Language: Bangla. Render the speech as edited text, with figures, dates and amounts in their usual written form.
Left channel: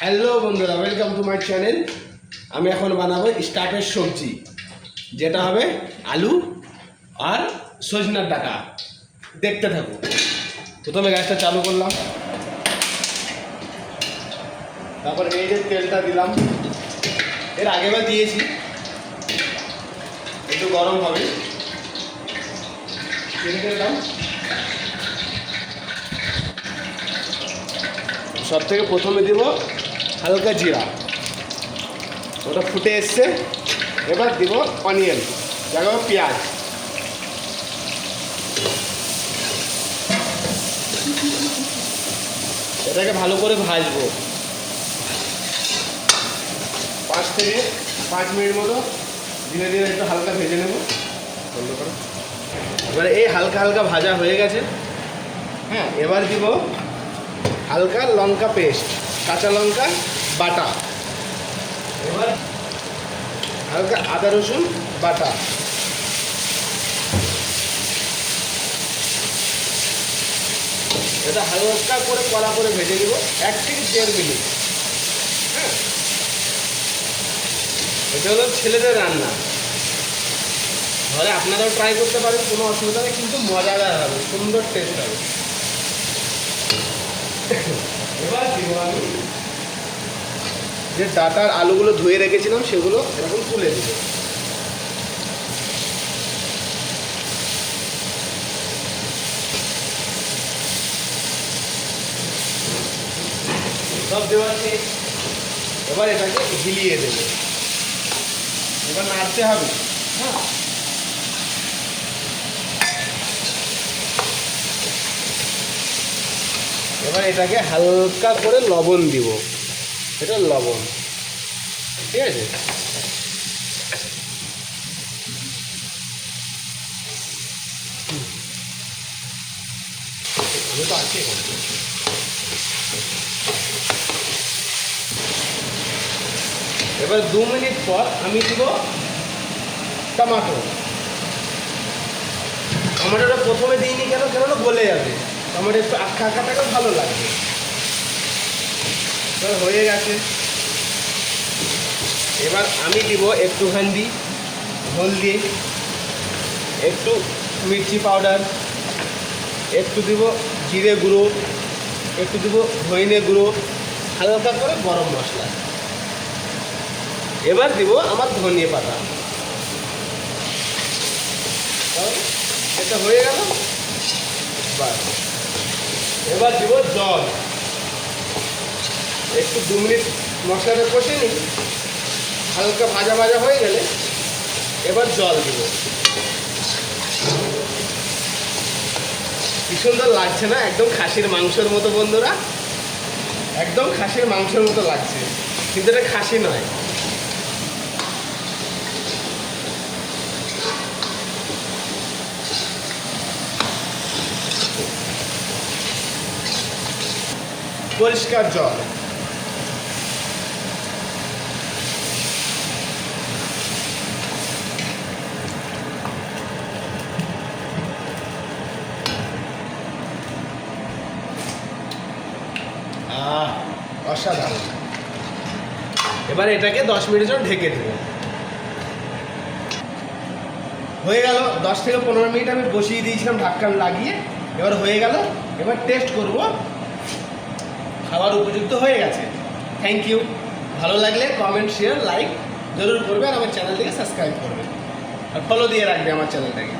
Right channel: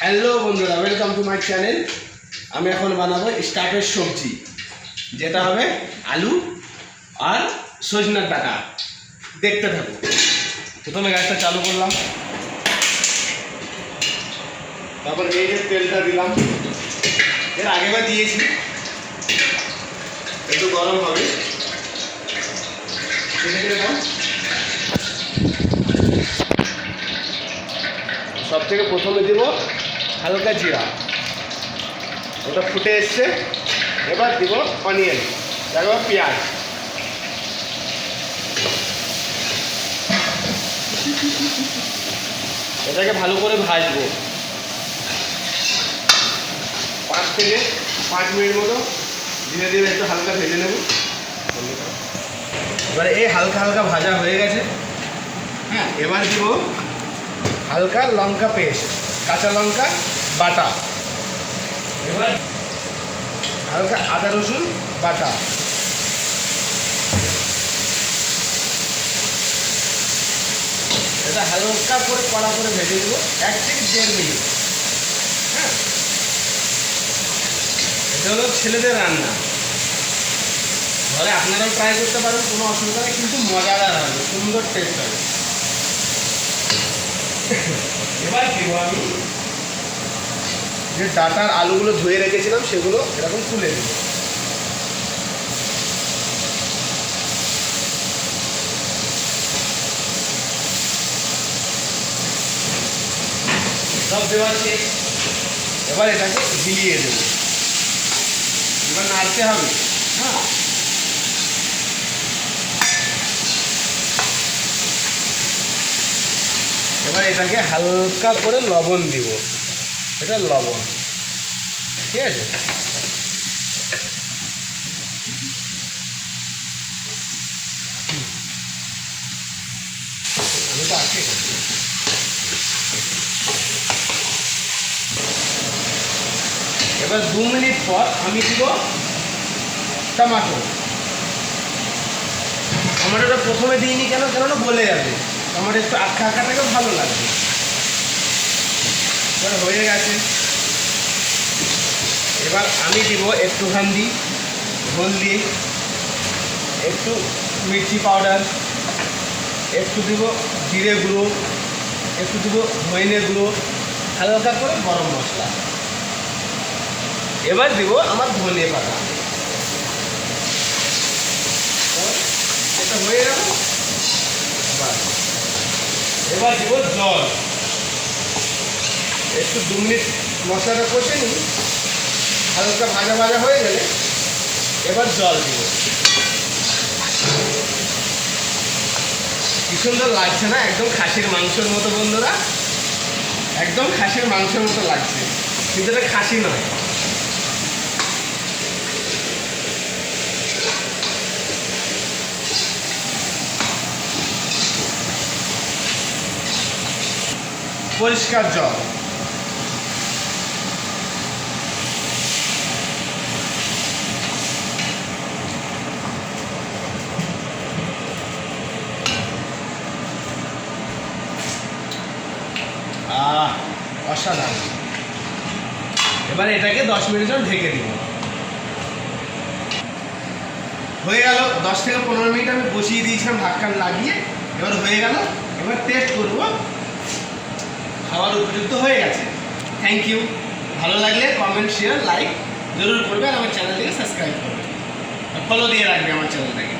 হ্যালো বন্ধুরা, ওয়েলকাম টু মাই চ্যানেল। আমি এখন বানাবো স্টার্টার সবজি, যেটা হবে আলু আর সজনার ডাঁটা। দেখতে থাকো। প্রথমে গ্যাসটা চালু করলাম, তারপর এই যে তেলটা দিলাম, এর আগেবার দিয়েছি, একটু গরম হবে। সব থেকে প্রথমে দেব হালকা জিরা, ওটা ফুটে এসছে। এবার দিব অনিয়ন, দেখো পেঁয়াজ। এটাকে ভালো করে ভাজবো 5 থেকে 5 মিনিট মতো। ধীরে ধীরে একটু হালকা ভেজে নেব। এবারে এই হালকা হালকা ভাজা হয়ে গেছে। হ্যাঁ, এবার দিব হালকা লঙ্কা পেস্ট, কাঁচা লঙ্কা বাটা। এবার হালকা আদা রসুন বাটা। এটা হালকা করে কড়া করে ভেজে দেবো 1 থেকে 1.5 মিনিট। হ্যাঁ, এটা হলো ছেলেদের রান্না। ঘরে আপনারাও ট্রাই করতে পারেন, কোনো অসুবিধা নেই, কিন্তু মজাদার হবে, সুন্দর টেস্ট হবে। এবার দিব আমি যে ডাটার আলুগুলো ধুয়ে রেখেছিলাম, সেগুলো এরকম তুলে দেবো। সব দেওয়া শেষ। এবার এটাকে ঝিলিয়ে দেবো। এবার নাড়তে হবে। হ্যাঁ, এবার এটাকে হালকা করে লবণ দিব। এটা লবণ, ঠিক আছে। এবার 2 মিনিট পর আমি দিব টমেটো। টমেটোটা প্রথমে দিইনি কেননা বলে যাবে। টমেটো একটু আখা আখাটাকে ভালো লাগবে। এবার হয়ে গেছে। এবার আমি দিব একটুখানি হলদি, একটু মির্চি পাউডার, একটু দিব জিরে গুঁড়ো, একটু দিব ধনে গুঁড়ো, হালকা করে গরম মশলা। এবার দিব আমার ধনে পাতা। এটা হয়ে গেল। এবার দিব জল। একটু 2 মিনিট মশলাটা কষে নিই, হালকা ভাজা ভাজা হয়ে গেলে এবার জল দিব। কি সুন্দর লাগছে না? একদম খাসির মাংসের মতো বন্ধুরা, একদম খাসির মাংসের মতো লাগছে, কিন্তু এটা খাসি নয়। পরিষ্কার জল। অসাধারণ। এবার এটাকে 10 মিনিটের জন্য ঢেকে দিব। হয়ে গেল 10 থেকে 15 মিনিট আমি বসিয়ে দিয়েছিলাম ঢাকনা লাগিয়ে। এবার হয়ে গেল। এবার টেস্ট করব, খাওয়ার উপযুক্ত হয়ে গেছে। Thank you. ভালো লাগলে কমেন্ট, শেয়ার, লাইক জরুর করবে, আর আমার চ্যানেলটিকে সাবস্ক্রাইব করবে, আর ফলো দিয়ে রাখবে আমার চ্যানেলটাকে।